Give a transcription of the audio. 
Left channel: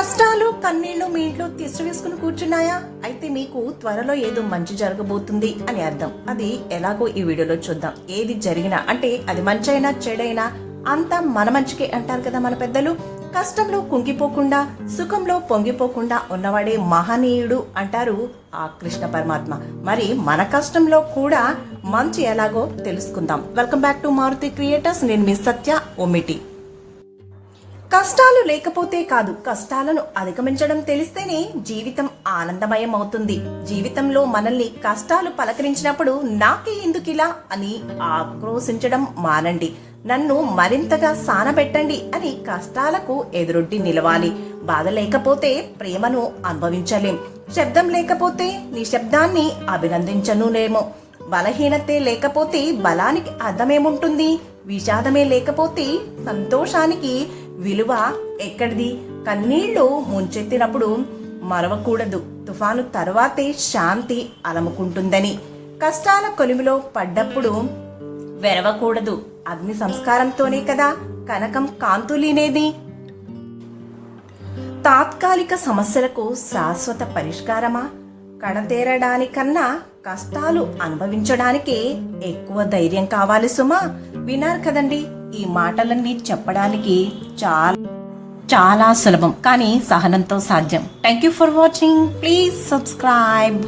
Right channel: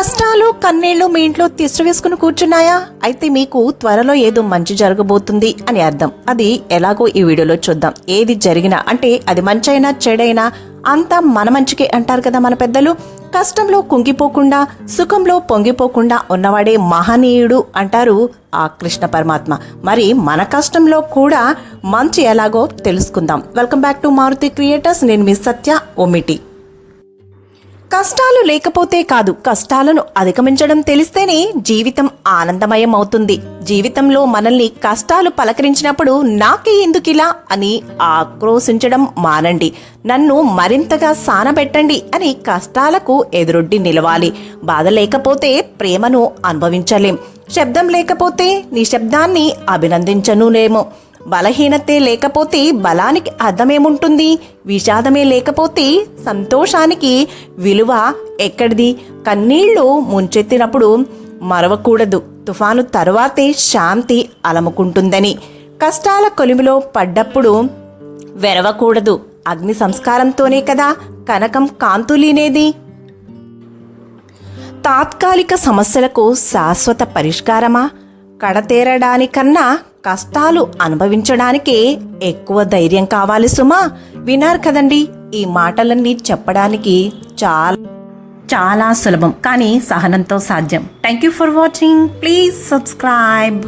కష్టాలు కన్నీళ్లు మీ ఇంట్లో తిష్టవేసుకుని కూర్చున్నాయా? అయితే మీకు త్వరలో ఏదో మంచి జరగబోతుంది అని అర్థం. అది ఎలాగో ఈ వీడియోలో చూద్దాం. ఏది జరిగినా అంటే అది మంచైనా చెడైనా అంతా మన మంచికే అంటారు కదా మన పెద్దలు. కష్టంలో కుంగిపోకుండా సుఖంలో పొంగిపోకుండా ఉన్నవాడే మహనీయుడు అంటారు ఆ కృష్ణ పరమాత్మ. మరి మన కష్టంలో కూడా మంచి ఎలాగో తెలుసుకుందాం. Welcome back to Maruti creators. నేను మీ సత్య ఓమిటి. కష్టాలు లేకపోతే కాదు, కష్టాలను అధిగమించడం తెలిస్తేనే జీవితం ఆనందమయం అవుతుంది. జీవితంలో మనల్ని కష్టాలు పలకరించినప్పుడు నాకే ఎందుకిలా అని ఆక్రోశించడం మానండి. నన్ను మరింతగా సానబెట్టండి అని కష్టాలకు ఎదురొడ్డి నిలవాలి. బాధ లేకపోతే ప్రేమను అనుభవించలేం. శబ్దం లేకపోతే నిశ్శబ్దాన్ని అభినందించనులేమో. బలహీనతే లేకపోతే బలానికి అర్థమేముంటుంది? విషాదమే లేకపోతే సంతోషానికి విలువ ఎక్కడిది? కన్నీళ్లు ముంచెత్తినప్పుడు మరవకూడదు, తుఫాను తరువాతే శాంతి అలముకుంటుందని. కష్టాల కొలిమిలో పడ్డప్పుడు వెరవకూడదు. అగ్ని సంస్కారంతోనే కదా కనకం కాంతులీనేది. తాత్కాలిక సమస్యలకు శాశ్వత పరిష్కారమా? కడతేరడానికన్నా కష్టాలు అనుభవించడానికే ఎక్కువ ధైర్యం కావాలి సుమా. విన్నారు కదండి, ఈ మాటలన్నీ చెప్పడానికి చాలా సులభం, కానీ సహనంతో సాధ్యం. Thank you for watching. Please subscribe.